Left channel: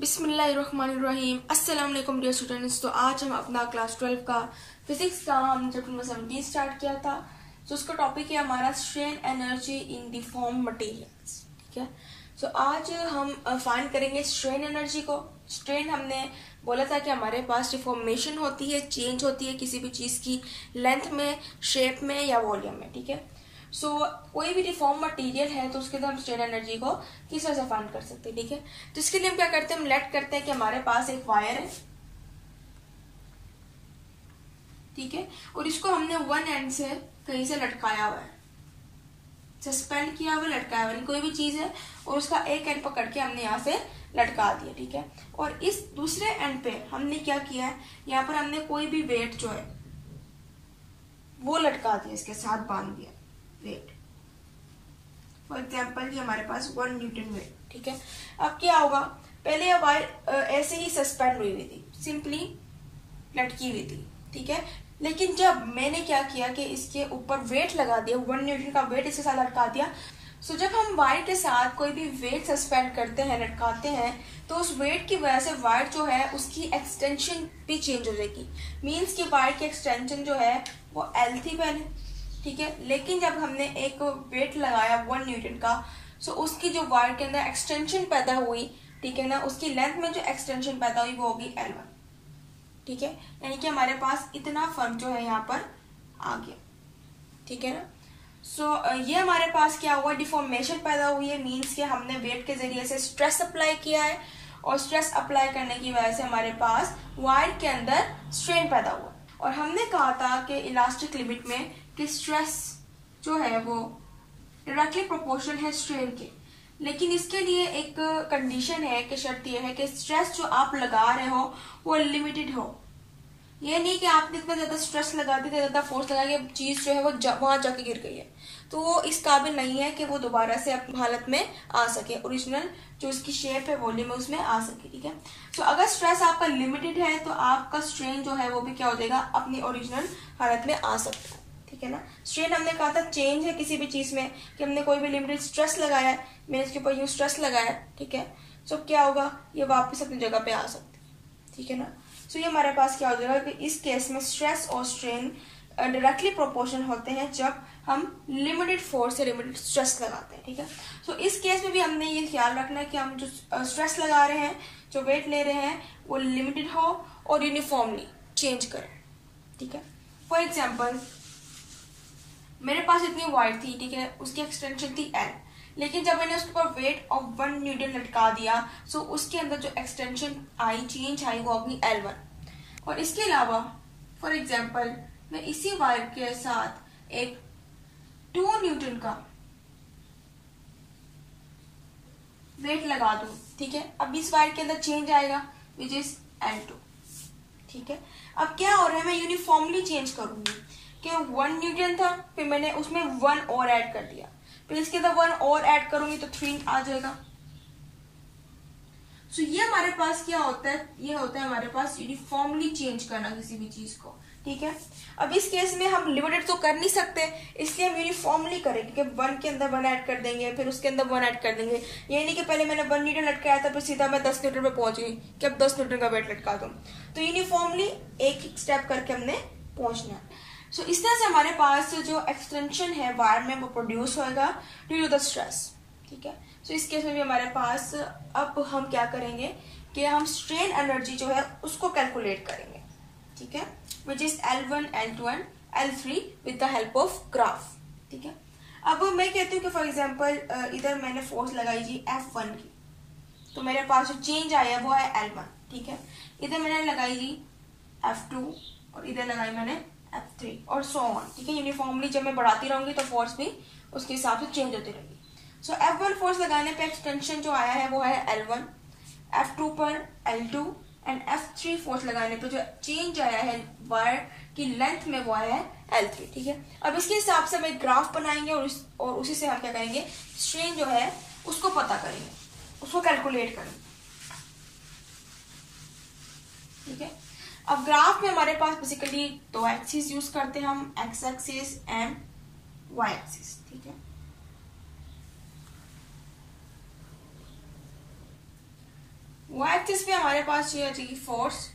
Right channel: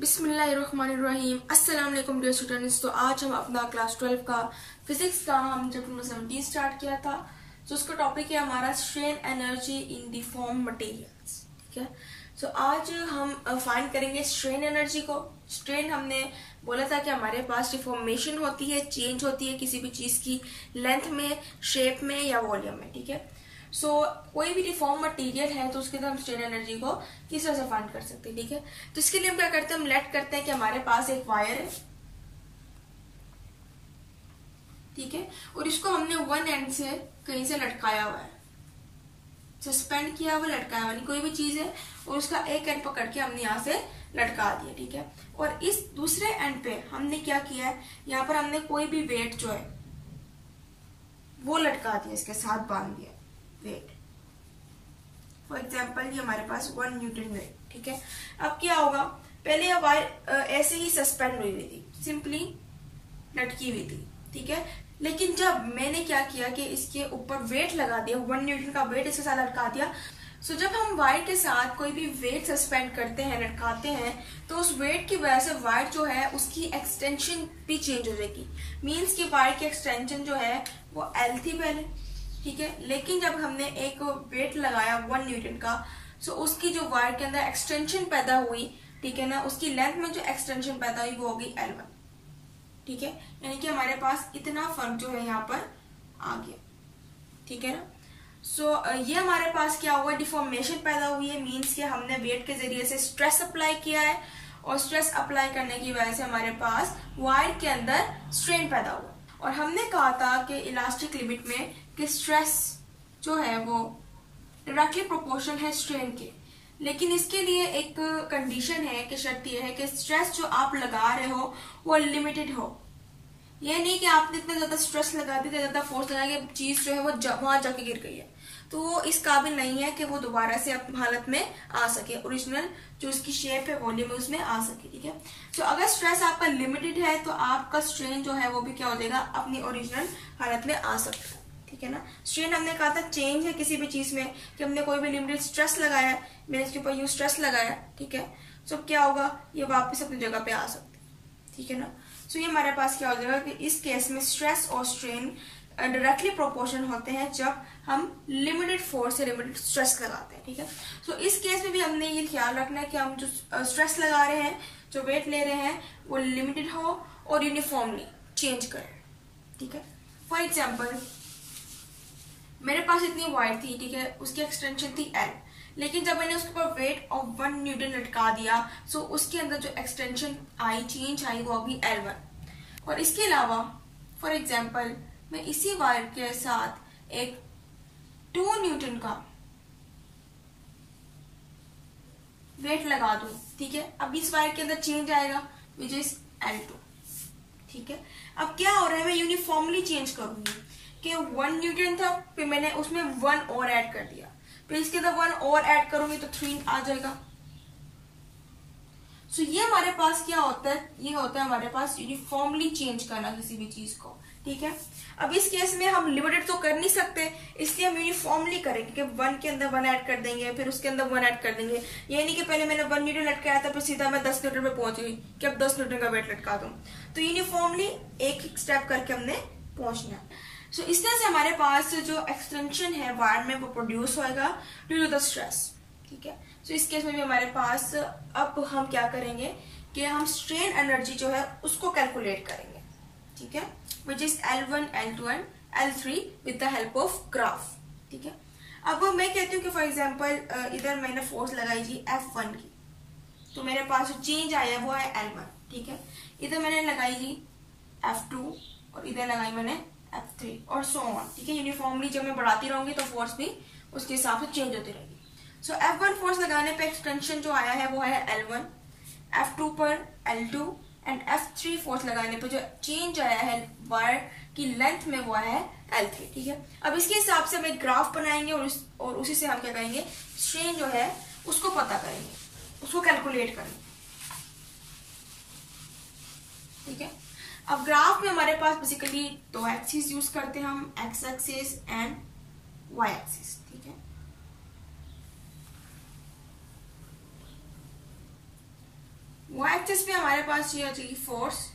बिस्मिल्लाहिर्रहमानिर्रहीम। अस्सलाम वालेकुम डियर स्टूडेंट्स। तो आज हम अपना क्लास 12 का फिजिक्स का हम चैप्टर नंबर 17 स्टार्ट किया था। तो उसका टॉपिक है हमारा strain energy in the form materials. ठीक है, तो आज हम फाइंड करेंगे स्ट्रेन एनर्जी को। स्ट्रेन हमने बोला था कि हमारे पास डिफॉर्मेशन होती है, चेंज होती है किसी भी चीज की लेंथ में, शेप में या वॉल्यूम में। ठीक है, कोई भी डिफॉर्म मटेरियल है तो उसके अंदर हम स्ट्रेन एनर्जी को किस तरह से फाइंड कर सकते हैं। ठीक है, जिसके लिए हम क्या करते हैं, हम लेट करते हैं कि हमारे पास एक वायर है। ठीक है, और इसको हमने वन एंड से कहीं से लटकाया हुआ है, सस्पेंड किया हुआ, लटकाया हुआ, कोई भी चीज है और उसका एक एंड पकड़ के हमने यहाँ से लटका दिया। ठीक है, और इस दूसरे एंड पे हमने क्या किया है, यहाँ पर हमने कोई भी वेट जो है वो लटका दिया, इसके साथ बांध दिया वेट। फॉर एग्जाम्पल ये हमारे पास 1 न्यूटन वेट। ठीक है, अब क्या होगा, पहले यह वायर ऐसे ही सस्पेंड हुई हुई थी, सिंपली लटकी हुई थी। ठीक है, लेकिन जब मैंने क्या किया कि इसके ऊपर वेट लगा दिया, 1 न्यूटन का वेट इसके साथ लटका दिया। सो जब हम वायर के साथ कोई भी वेट सस्पेंड करते हैं, लटकाते हैं, तो उस वेट की वजह से वायर जो है उसकी एक्सटेंशन भी चेंज हो जाएगी। मीन्स कि वायर की एक्सटेंशन जो है वो L थी पहले। ठीक है, लेकिन जब हमने एक वेट लगाया 1 न्यूटन का, सो उसकी जो वायर के अंदर एक्सटेंशन पैदा हुई, ठीक है ना, उसकी लेंथ में जो एक्सटेंशन पैदा हुई वो होगी L1। ठीक है, यानी कि हमारे पास इतना फर्क जो है यहाँ पर आ गया। ठीक है ना, ये हमारे पास क्या हुआ, डिफॉर्मेशन पैदा हुई है। मीन्स कि हमने वेट के जरिए से स्ट्रेस अप्लाई किया है और स्ट्रेस अप्लाई करने की वजह से हमारे पास वायर के अंदर स्ट्रेन पैदा हुआ। और हमने कहा था कि इलास्टिक लिमिट में कि स्ट्रेस जो है वो डायरेक्टली प्रोपोर्शनल है स्ट्रेन के, लेकिन इसके लिए एक कंडीशन है कि शर्त यह है कि स्ट्रेस जो आप लगा रहे हो वो लिमिटेड हो। ये नहीं कि आपने इतना ज्यादा स्ट्रेस लगा दिया, ज्यादा फोर्स लगा के चीज जो है वो वहां जाके गिर गई है, तो वो इस काबिल नहीं है कि वो दोबारा से अपनी हालत में आ सके, ओरिजिनल जो उसकी शेप है, वॉल्यूम है, उसमें आ सके। ठीक है, तो अगर स्ट्रेस आपका लिमिटेड है तो आपका स्ट्रेन जो है वो भी क्या हो जाएगा, अपनी ओरिजिनल हालत में आ सकता है। ठीक है ना, स्ट्रेन हमने कहा था चेंज है किसी भी चीज में, कि हमने कोई भी लिमिटेड स्ट्रेस लगाया है, मैंने इसके ऊपर यूं स्ट्रेस लगाया। ठीक है, तो क्या होगा, ये वापस अपनी जगह पे आ सकते हैं। ठीक है ना, ये हमारे पास क्या हो जाएगा कि इस केस में स्ट्रेस और स्ट्रेन डायरेक्टली प्रोपोर्शनल होते हैं जब हम लिमिटेड फोर्स से लिमिटेड स्ट्रेस लगाते हैं। ठीक है, तो इस केस में भी हमने ये ख्याल रखना है कि हम जो स्ट्रेस लगा रहे हैं, जो वेट ले रहे हैं, वो लिमिटेड हो और यूनिफॉर्मली चेंज करें। ठीक है, फॉर एग्जाम्पल मेरे पास इतनी वायर थी, ठीक है, उसकी एक्सटेंशन थी L, लेकिन जब मैंने उसके ऊपर वेट ऑफ 1 न्यूटन लटका दिया, सो उसके अंदर जो एक्सटेंशन आई, चेंज आई, वो होगी L1। और इसके अलावा फॉर एग्जाम्पल मैं इसी वायर के साथ एक 2 न्यूटन का वेट लगा दूं। ठीक है, अब इस वायर के अंदर चेंज आएगा विच इज L2। ठीक है, अब क्या हो रहा है, मैं यूनिफॉर्मली चेंज करूंगी कि 1 न्यूटन था, फिर मैंने उसमें 1 और ऐड कर दिया, फिर इसके अंदर 1 और ऐड करूंगी तो 3 आ जाएगा। ये हमारे पास क्या होता है, ये होता है हमारे पास यूनिफॉर्मली चेंज करना किसी भी चीज को। ठीक है, अब इस केस में हम लिमिटेड तो कर नहीं सकते, इसलिए हम यूनिफॉर्मली करेंगे कि 1 के अंदर 1 ऐड कर देंगे, फिर उसके अंदर 1 ऐड कर देंगे। ये नहीं कि पहले मैंने 1 न्यूटन लटकाया था फिर सीधा मैं 10 न्यूटन पे पहुंच गई कि अब 10 न्यूटन का वेट लटका दूं। तो यूनिफॉर्मली एक स्टेप करके हमने पहुंचना है। इस तरह से हमारे पास जो एक्सटेंशन है वायर में वो प्रोड्यूस होएगा ड्यू टू द स्ट्रेस। ठीक है, इस केस में भी हमारे पास अब हम क्या करेंगे कि हम स्ट्रेन एनर्जी जो है उसको कैलकुलेट करेंगे। ठीक है, which is L1, L2 and L3 with the help of graph. ठीक है, अब मैं कहती हूँ कि फॉर एग्जांपल इधर मैंने फोर्स लगाई जी F1 की, तो मेरे पास जो चेंज आया वो है L1। ठीक है, इधर मैंने लगाई जी F2 और इधर लगाई मैंने F3 और सो ऑन। ठीक है, यूनिफॉर्मली जब मैं बढ़ाती रहूंगी तो फोर्स भी उसके हिसाब से चेंज होती रहेगी। F1 फोर्स लगाने पे एक्सटेंशन जो आया है वो है L1, F2 पर L2 एंड F3 फोर्स लगाने पे जो चेंज आया है वायर की लेंथ में वो है L3। ठीक है, अब इसके हिसाब से हम ग्राफ बनाएंगे और उसी से हम क्या करेंगे, स्ट्रेन जो है उसको पता करेंगे, उसको कैलकुलेट करेंगे। ठीक है, अब ग्राफ में हमारे पास बेसिकली 2 एक्सिस यूज करते हैं हम, X axis and Y axis. ठीक है, वाई एक्सिस पे हमारे पास ये आ जाएगी फोर्स,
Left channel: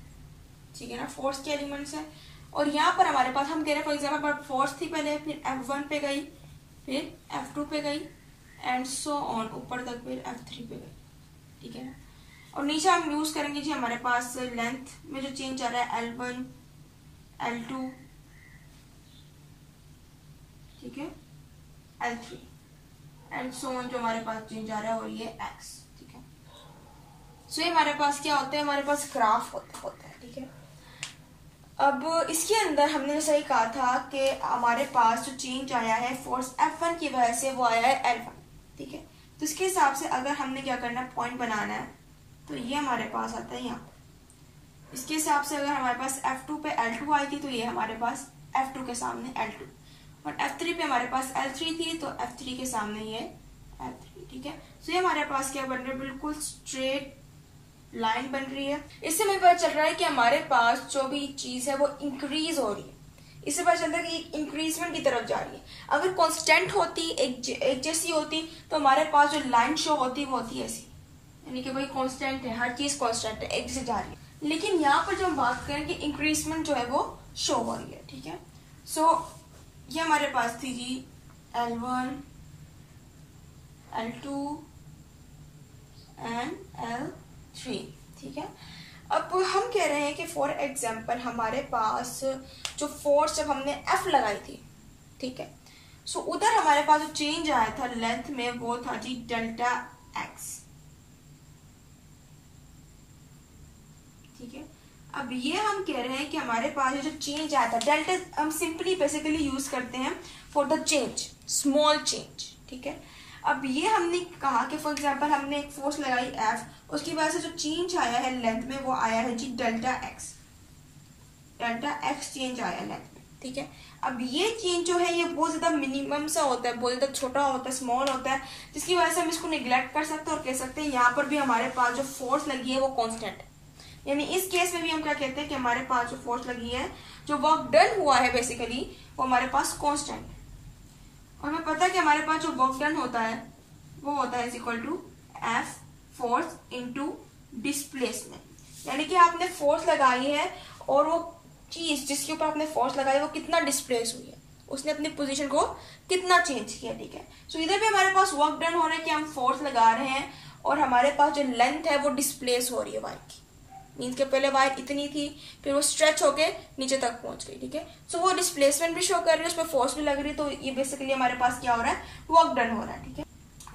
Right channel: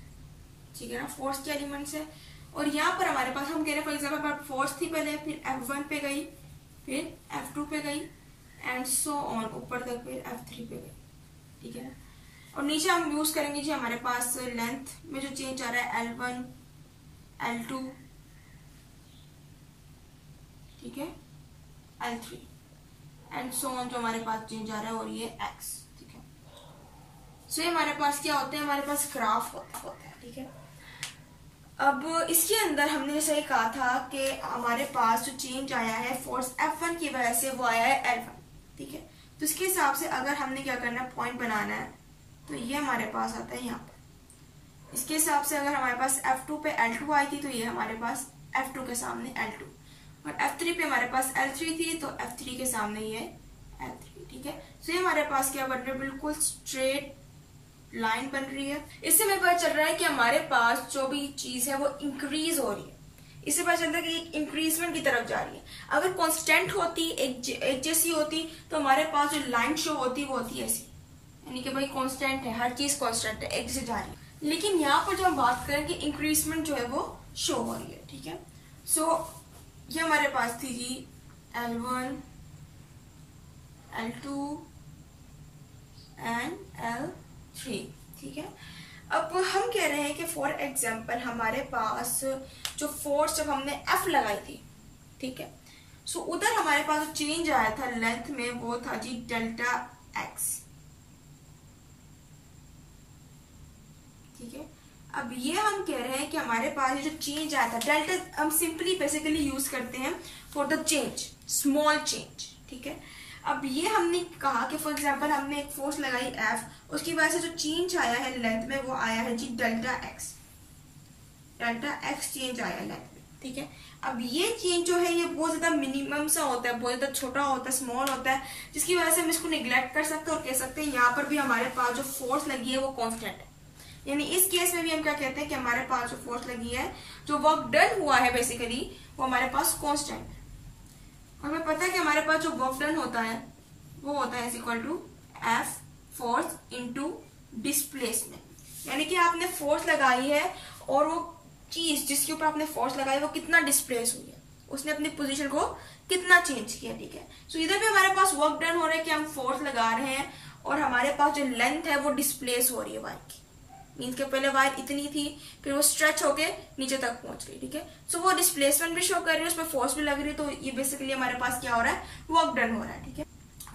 ठीक है ना, फोर्स के एलिमेंट्स है। और यहाँ पर हमारे पास हम कह रहे हैं फॉर एग्जाम्पल फोर्स थी पहले, फिर F1 पे गई, फिर F2 पे गई एंड सो ऑन ऊपर तक, फिर F3 पे गई, ठीक है ना। और नीचे हम यूज करेंगे जी हमारे पास लेंथ में जो चेंज आ रहा है L1, L2, ठीक है, L3 एंड सो ऑन जो हमारे पास चेंज आ रहा है, और ये X, ठीक है। सो ये हमारे पास क्या होता है, हमारे पास ग्राफ होता है, ठीक है। अब इसके अंदर हमने जैसे कहा था कि हमारे पास जो चेंज आया है फोर्स F1 की वजह से, वो आया है L1, ठीक है। तो इसके हिसाब से अगर हमने क्या करना है, पॉइंट बनाना है, तो ये हमारे पास आता है यहाँ पर। इसके हिसाब से अगर हमारे पास F2 पे L2 आई थी, तो ये हमारे पास F2 के सामने L2, और F3 पे हमारे पास L3 थी, तो F3 के सामने ये L3, ठीक है। तो ये हमारे पास क्या बन रहा है, बिल्कुल स्ट्रेट लाइन बन रही है। इससे हमें पता चल रहा है कि हमारे पास जो भी चीज है वो इंक्रीज हो रही है। इससे पता चलता है कि इंक्रीजमेंट की तरफ जा रही है। अगर कांस्टेंट होती, एक जैसी होती, तो हमारे पास जो लाइन शो होती वो होती ऐसी, यानी कि भाई कांस्टेंट है, हर चीज कांस्टेंट है, एक जैसे जा रही है। लेकिन यहाँ पर जो हम बात करें कि इंक्रीजमेंट जो है वो शो हो रही है, ठीक है। सो ये हमारे पास थी जी L1, L2 एंड L3, ठीक है। अब हम कह रहे हैं कि फॉर एग्जाम्पल हमारे पास जो फोर्स जब हमने F लगाई थी, ठीक है, सो उधर हमारे पास जो चेंज आया था लेंथ में, वो था जी डेल्टा X, ठीक है। अब ये हम कह रहे हैं कि हमारे पास जो चेंज आया था डेल्टा, हम सिंपली बेसिकली यूज करते हैं for the change, small change, ठीक है। अब ये हमने कहा कि फॉर एग्जांपल हमने एक फोर्स लगाई F, उसकी वजह से जो चेंज आया है लेंथ में, वो आया है जी delta X, delta X change आया लेंथ में, ठीक है। अब ये चेंज जो है ये बहुत ज्यादा मिनिमम सा होता है, बहुत ज्यादा छोटा होता है, स्मॉल होता है, जिसकी वजह से हम इसको निग्लेक्ट कर सकते हैं और कह सकते हैं यहाँ पर भी हमारे पास जो फोर्स लगी है वो कॉन्स्टेंट है। यानी इस केस में भी हम क्या कहते हैं कि हमारे पास जो फोर्स लगी है, जो वर्क डन हुआ है बेसिकली, वो हमारे पास कॉन्स्टेंट। और हमें पता है कि हमारे पास जो वर्क डन होता है वो होता है equal to F force into displacement. यानी कि आपने फोर्स लगाई है और वो चीज जिसके ऊपर आपने फोर्स लगाई वो कितना डिस्प्लेस हुई है, उसने अपनी पोजीशन को कितना चेंज किया, ठीक है। सो इधर भी हमारे पास वर्क डन हो रहा है कि हम फोर्स लगा रहे हैं और हमारे पास जो लेंथ है वो डिस्प्लेस हो रही है वायर की। मीन्स के पहले वायर इतनी थी, फिर वो स्ट्रेच होके नीचे तक पहुंच गई, ठीक है। सो वो डिस्प्लेसमेंट भी शो कर रही है, उसमें फोर्स भी लग रही है, तो ये बेसिकली हमारे पास क्या हो रहा है, वर्क डन हो रहा है, ठीक है।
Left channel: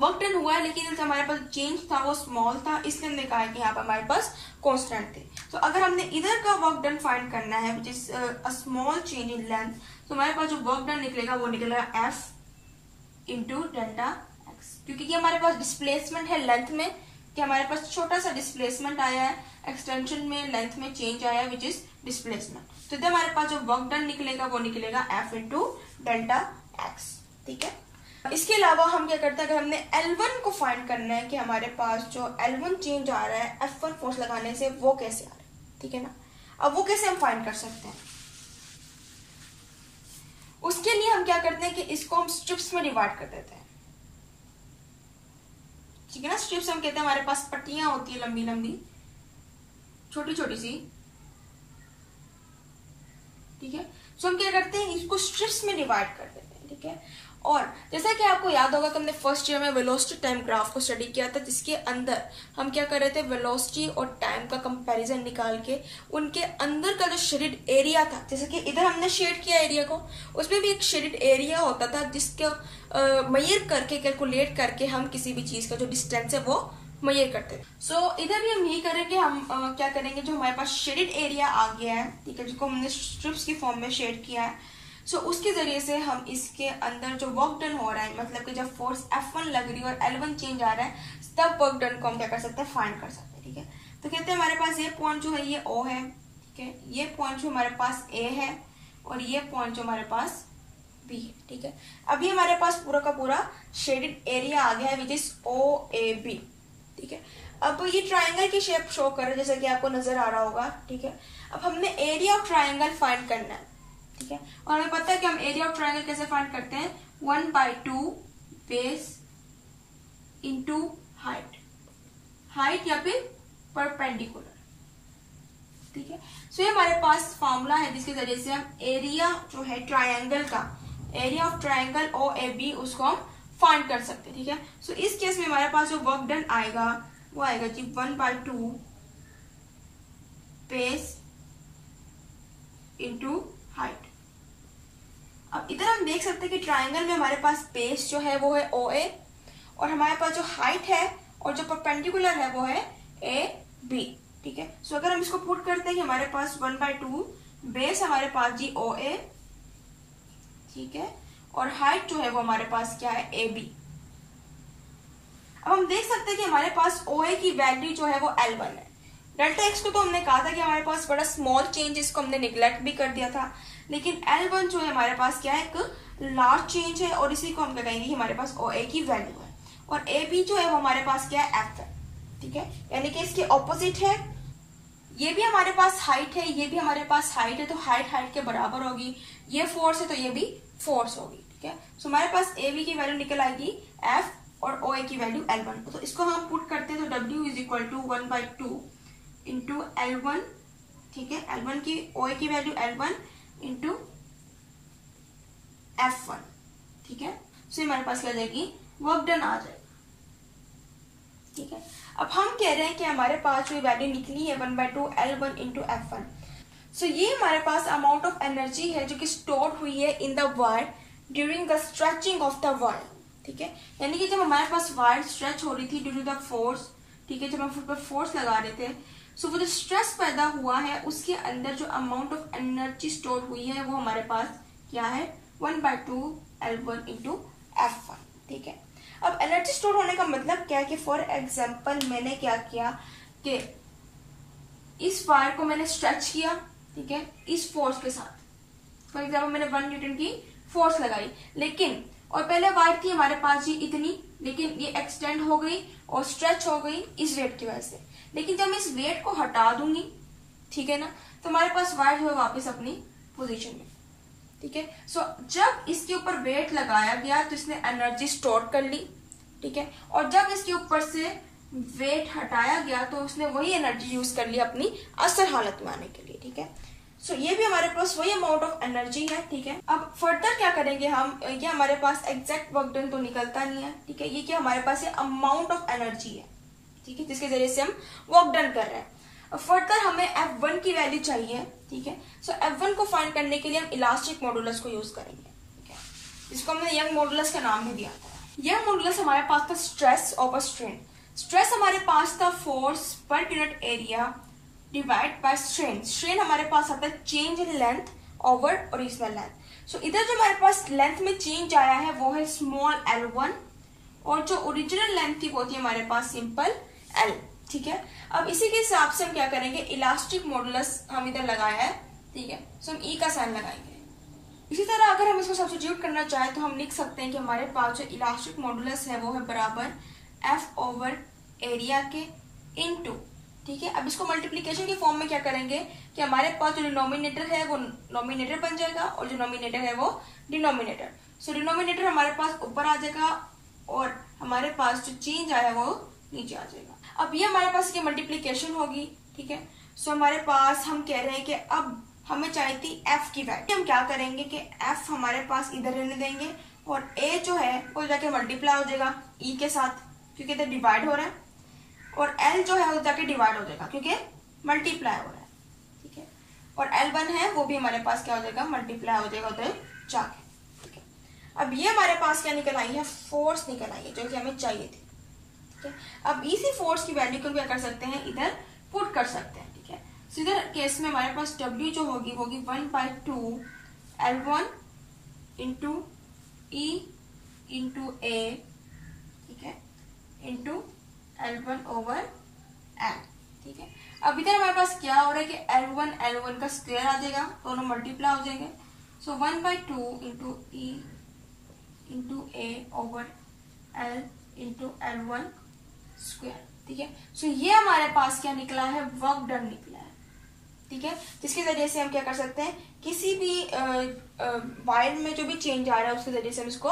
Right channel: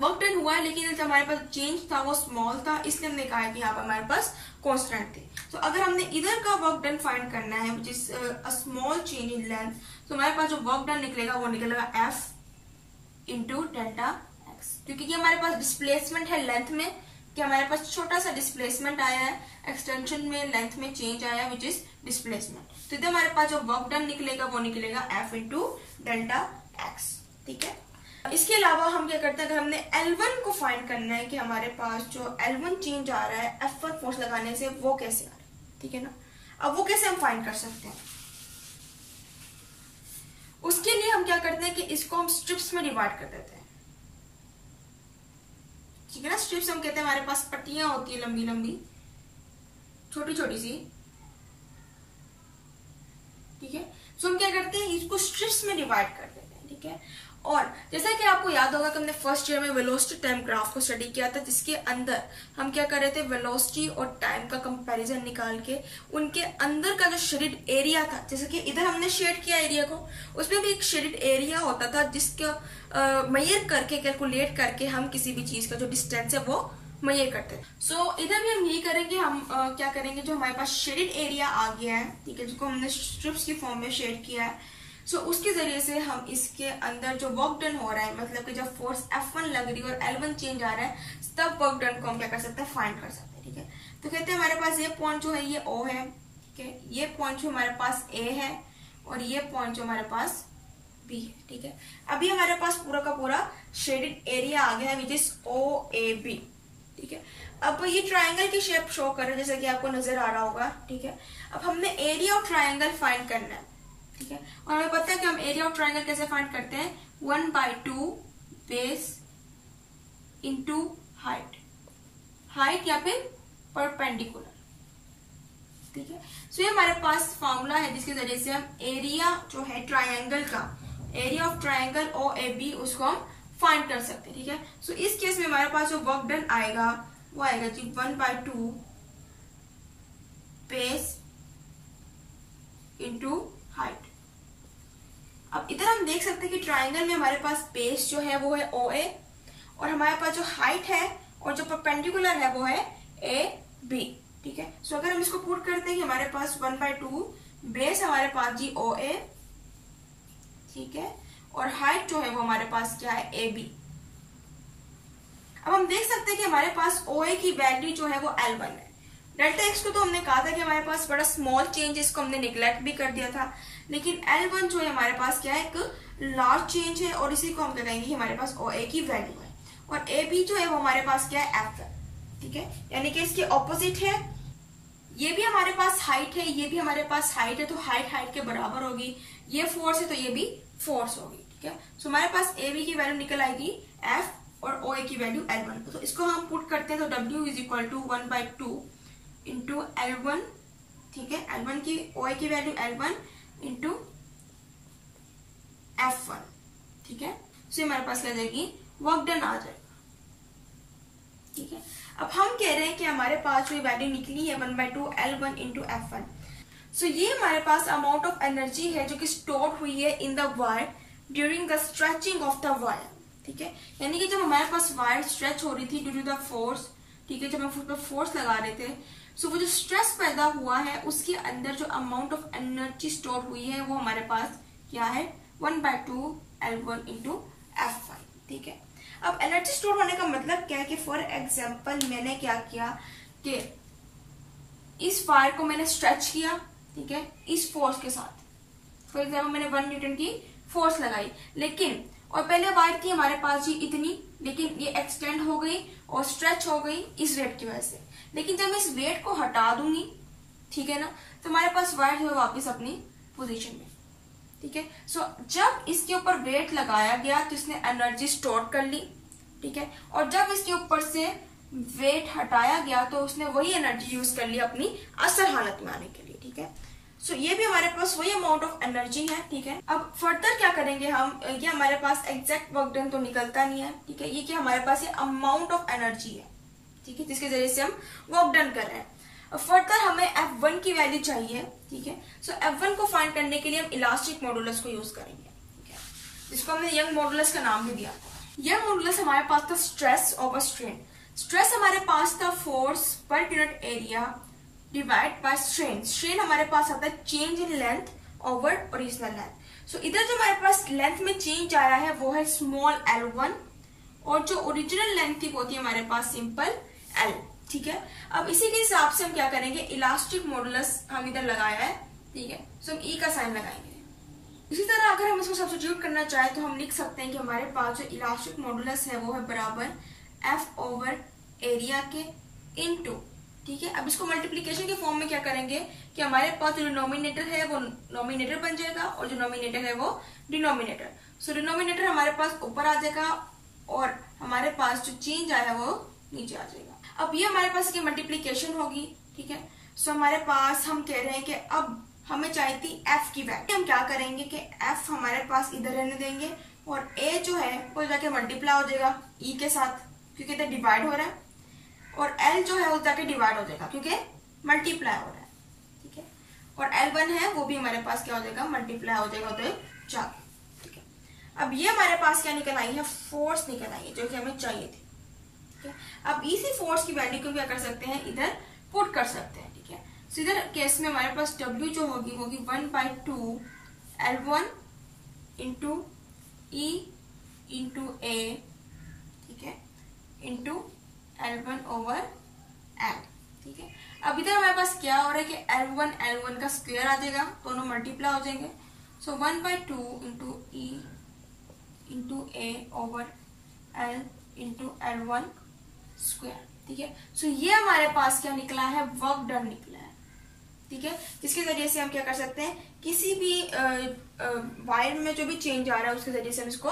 वर्क डन हुआ है, लेकिन हमारे पास चेंज था वो स्मॉल था, इसलिए हमने कहा है कि यहाँ पर हमारे पास कॉन्स्टेंट थे। तो अगर हमने इधर का वर्क डन फाइंड करना है which is a small change in length, तो हमारे पास जो वर्क डन निकलेगा वो निकलेगा F इंटू डेल्टा X, क्योंकि ये हमारे पास डिस्प्लेसमेंट है लेंथ में, कि हमारे पास छोटा सा डिस्प्लेसमेंट आया है, एक्सटेंशन में लेंथ में चेंज आया है विच इज डिस्प्लेसमेंट। तो इधर हमारे पास जो वर्क डन निकलेगा वो निकलेगा F इंटू डेल्टा X, ठीक है। इसके अलावा हम क्या करते हैं, अगर हमने L1 को फाइंड करना है कि हमारे पास जो L1 चेंज आ रहा है F1 फोर्स लगाने से, वो कैसे आ रहा है, ठीक है ना। अब वो कैसे हम फाइंड कर सकते हैं, उसके लिए हम क्या करते हैं कि इसको हम स्ट्रिप्स में डिवाइड कर देते हैं, ठीक है ना। स्ट्रिप्स हम कहते हैं हमारे पास पट्टियां होती है लंबी लंबी, छोटी छोटी सी, ठीक है। सो हम क्या करते हैं, इसको स्ट्रिप्स में डिवाइड कर देते हैं, ठीक है। और जैसा कि आपको याद होगा कि हमने फर्स्ट ईयर में वेलोसिटी टाइम ग्राफ को स्टडी किया था, जिसके अंदर हम क्या कर रहे थे, वेलोसिटी और टाइम का कंपैरिजन निकाल के उनके अंदर का जो शेडेड एरिया था, जैसे कि इधर हमने शेड किया एरिया को, उसमें भी एक शेडेड एरिया होता था जिसका मेजर करके, कैलकुलेट करके हम किसी भी चीज का जो डिस्टेंस है वो मेजर करते हैं। सो इधर भी हम यही करेंगे, हम क्या करेंगे, जो हमारे पास शेडेड एरिया आ गया है, ठीक है, जिसको हमने स्ट्रिप्स की फॉर्म में शेड किया है, सो उसके जरिए से हम इसके अंदर जो वर्क डन हो रहा है, मतलब कि जब फोर्स F1 लग रही है और L1 चेंज आ रहा है, तब वर्क डन को हम क्या कर सकते हैं, फाइंड कर सकते हैं, ठीक है। तो कहते हैं हमारे पास ये पॉइंट जो है ये O है, ठीक है, ये पॉइंट जो हमारे पास A है और ये पॉइंट जो हमारे पास B है, ठीक है। अभी हमारे पास पूरा का पूरा शेडेड एरिया आ गया है विच इज OAB, ठीक है। अब ये ट्राइंगल की शेप शो कर रहा है, जैसे कि आपको नजर आ रहा होगा, ठीक है। अब हमने एरिया ऑफ ट्राइंगल फाइंड करना है, ठीक है। और हमें पता है कि हम एरिया ऑफ ट्राइंगल कैसे फाइंड करते हैं, 1/2 बेस इंटू हाइट, हाइट या फिर परपेंडिकुलर। ठीक है, सो ये हमारे पास फॉर्मूला है जिसके जरिए से हम एरिया जो है ट्रायंगल का, एरिया ऑफ ट्रायंगल OAB उसको हम फाइंड कर सकते हैं। ठीक है, सो इस केस में हमारे पास जो वर्क डन आएगा वो आएगा जी 1/2 बेस इंटू हाइट। अब इधर हम देख सकते हैं कि ट्राइंगल में हमारे पास बेस जो है वो है OA और हमारे पास जो हाइट है और जो परपेंडिकुलर है वो है AB। ठीक है, सो अगर हम इसको पुट करते हैं कि हमारे पास 1/2 बेस हमारे पास जी OA, ठीक है, और हाइट जो है वो हमारे पास क्या है AB। अब हम देख सकते हैं कि हमारे पास OA की वैल्यू जो है वो L1 है। डेल्टा एक्स को तो हमने कहा था कि हमारे पास बड़ा स्मॉल चेंज, इसको हमने निगलेक्ट भी कर दिया था, लेकिन L1 जो है हमारे पास क्या है, एक लार्ज चेंज है और इसी को हम क्या कहेंगे कि हमारे पास OA की वैल्यू है। और AB जो है वो हमारे पास क्या है, F है। ठीक है, यानी कि इसके ऑपोजिट है। ये भी हमारे पास हाइट है, ये भी हमारे पास हाइट है, तो हाइट हाइट के बराबर होगी। ये फोर्स है तो ये भी फोर्स होगी। ठीक है, सो हमारे पास AB की वैल्यू निकल आएगी F और OA की वैल्यू L1। तो इसको हम पुट करते हैं तो W is equal to 1/2 into L1। ठीक है, L1 की OA की वैल्यू L1 इंटू F1। ठीक है, सो हमारे पास क्या जाएगी, वर्क डन आ जाएगा। ठीक है, अब हम कह रहे हैं कि हमारे पास जो वैल्यू निकली है 1/2 L1 इंटू F1। सो ये हमारे पास अमाउंट ऑफ एनर्जी है जो कि स्टोर हुई है in the wire during the stretching of the wire. ठीक है, यानी कि जब हमारे पास वायर स्ट्रेच हो रही थी ड्यू टू द फोर्स, ठीक है, जब हम उस पर फोर्स लगा रहे थे, सो वो जो स्ट्रेस पैदा हुआ है उसके अंदर जो अमाउंट ऑफ एनर्जी स्टोर हुई है वो हमारे पास क्या है, 1/2 L1 इंटू F1। ठीक है, अब एनर्जी स्टोर होने का मतलब क्या है कि फॉर एग्जाम्पल मैंने क्या किया कि इस वायर को मैंने स्ट्रेच किया, ठीक है, इस फोर्स के साथ। फॉर एग्जाम्पल मैंने 1 न्यूटन की फोर्स लगाई, लेकिन और पहले वायर थी हमारे पास जी इतनी, लेकिन ये एक्सटेंड हो गई और स्ट्रेच हो गई इस रेट की वजह से। लेकिन जब मैं इस वेट को हटा दूंगी, ठीक है ना, तो हमारे पास वायर जो है वापस अपनी पोजीशन में। ठीक है, सो जब इसके ऊपर वेट लगाया गया तो इसने एनर्जी स्टोर कर ली। ठीक है, और जब इसके ऊपर से वेट हटाया गया तो उसने वही एनर्जी यूज कर ली अपनी असल हालत में आने के लिए। ठीक है, सो ये भी हमारे पास वही अमाउंट ऑफ एनर्जी है। ठीक है, अब फर्दर क्या करेंगे हम, ये हमारे पास एग्जैक्ट वर्क डन तो निकलता नहीं है। ठीक है, ये क्या हमारे पास ये अमाउंट ऑफ एनर्जी है, ठीक है, जिसके जरिए से हम वर्क डन कर रहे हैं। फर्दर हमें F1 की वैल्यू चाहिए। ठीक है, सो F1 को फाइंड करने के लिए हम इलास्टिक मॉडुलस को यूज करेंगे। ठीक है, जिसको हमने यंग मॉडुलस का नाम भी दिया था। यंग मॉडुलस हमारे पास था स्ट्रेस ओवर स्ट्रेन। स्ट्रेस हमारे पास था फोर्स पर unit area divide by strain. Strain हमारे पास आता है change in length over original length. So इधर जो हमारे पास लेंथ में चेंज आया है वो है स्मॉल L1 और जो ओरिजिनल लेंथ थी वो थी हमारे पास सिंपल L। ठीक है, अब इसी के हिसाब से हम क्या करेंगे, इलास्टिक मॉडुलस हम इधर लगाया है। ठीक है, सो हम E का साइन लगाएंगे। इसी तरह अगर हम इसको सब्स्टिट्यूट करना चाहें तो हम लिख सकते हैं कि हमारे पास जो इलास्टिक मॉडुलस है वो है बराबर F ओवर एरिया के इनटू। ठीक है, अब इसको मल्टीप्लीकेशन के फॉर्म में क्या करेंगे कि हमारे पास जो डिनोमिनेटर है वो नोमिनेटर बन जाएगा और जो नोमिनेटर है वो डिनोमिनेटर। सो डिनोमिनेटर हमारे पास ऊपर आ जाएगा और हमारे पास जो चेंज आया वो नीचे आ जाएगा। अब ये हमारे पास की मल्टीप्लीकेशन होगी। ठीक है, सो हमारे पास हम कह रहे हैं कि अब हमें चाहिए थी F की वैल्यू। हम क्या करेंगे कि F हमारे पास इधर रहने देंगे और A जो है वो जाके मल्टीप्लाई हो जाएगा E के साथ क्योंकि इधर डिवाइड हो रहा है, और L जो है वो जाके डिवाइड हो जाएगा क्योंकि मल्टीप्लाई हो रहा है। ठीक है, और L1 है वो भी हमारे पास क्या हो जाएगा, मल्टीप्लाई हो जाएगा उधर जाके। ठीक है, अब ये हमारे पास क्या निकल आई है, फोर्स निकल आई है जो कि हमें चाहिए थी। ठीक है, अब इसी फोर्स की वैल्यू को क्या कर सकते हैं, इधर पुट कर सकते हैं। ठीक है, सो इधर केस में हमारे पास W जो होगी वो होगी 1/2 L1 into E into A, ठीक है, इंटू L1 ओवर M। ठीक है, अब इधर हमारे पास क्या हो रहा है कि L1 का स्क्वायर आ जाएगा, दोनों मल्टीप्लाई हो जाएंगे। सो 1/2 into E into A over L into L1 square. ठीक है, सो ये हमारे पास क्या निकला है, वर्क डन निकला है। ठीक है, जिसके जरिए से हम क्या कर सकते हैं, किसी भी वायर में जो भी चेंज आ रहा है उसके जरिए से हम इसको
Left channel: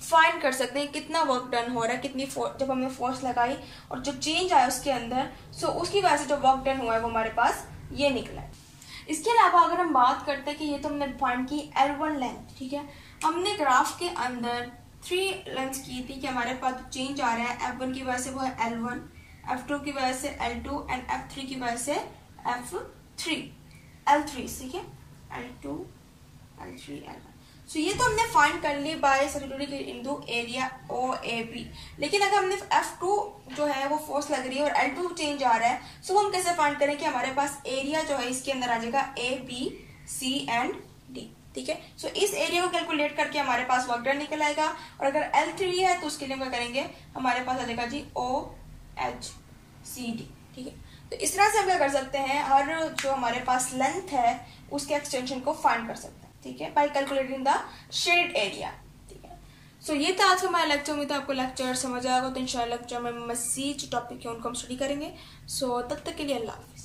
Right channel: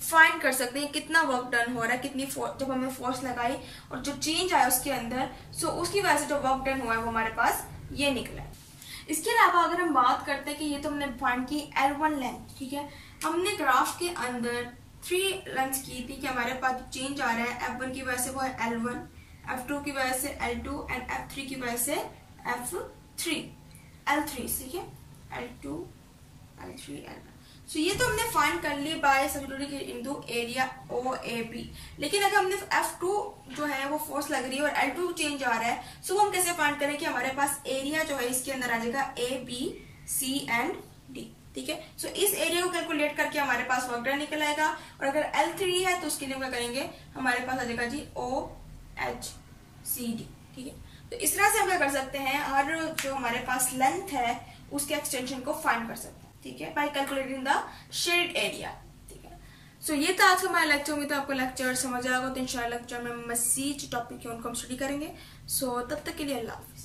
फाइंड कर सकते हैं कितना वर्क डन हो रहा है, कितनी जब हमने फोर्स लगाई और जो चेंज आया उसके अंदर, सो उसकी वजह से जो वर्क डन हुआ है वो हमारे पास ये निकला है। इसके अलावा अगर हम बात करते हैं कि ये तो हमने फाइंड की L1 लेंथ, ठीक है, हमने ग्राफ के अंदर 3 लेंथ की थी कि हमारे पास जो चेंज आ रहा है F1 की वजह से वो है L1, F2 की वजह से L2 एंड F3 की वजह से L3, ठीक है, L2 L3 L1। सो ये तो हमने फाइंड कर ली by substituting into area OAB। लेकिन अगर हमने F2 जो है वो फोर्स लग रही है और L2 चेंज आ रहा है, सो हम कैसे फाइंड करें कि हमारे पास एरिया जो है इसके अंदर आ जाएगा ABC एंड D, ठीक है। सो इस एरिया को कैलकुलेट करके हमारे पास वर्क डन निकल आएगा, और अगर L3 है तो उसके लिए क्या करेंगे, हमारे पास आ जाएगा जी OHCD, ठीक है। तो इस तरह से हम क्या कर सकते हैं, हर जो हमारे पास लेंथ है उसके एक्सटेंशन को फाइंड कर सकते हैं, ठीक है, bye calculating the shaded area, ठीक है। सो ये था आज का हमारा लेक्चर। उम्मीद है आपको लेक्चर समझ आएगा। तो इंशाल्लाह लेक्चर में मजीद जो टॉपिक है उनको हम स्टडी करेंगे। सो तब तक के लिए अल्लाह हाफिज।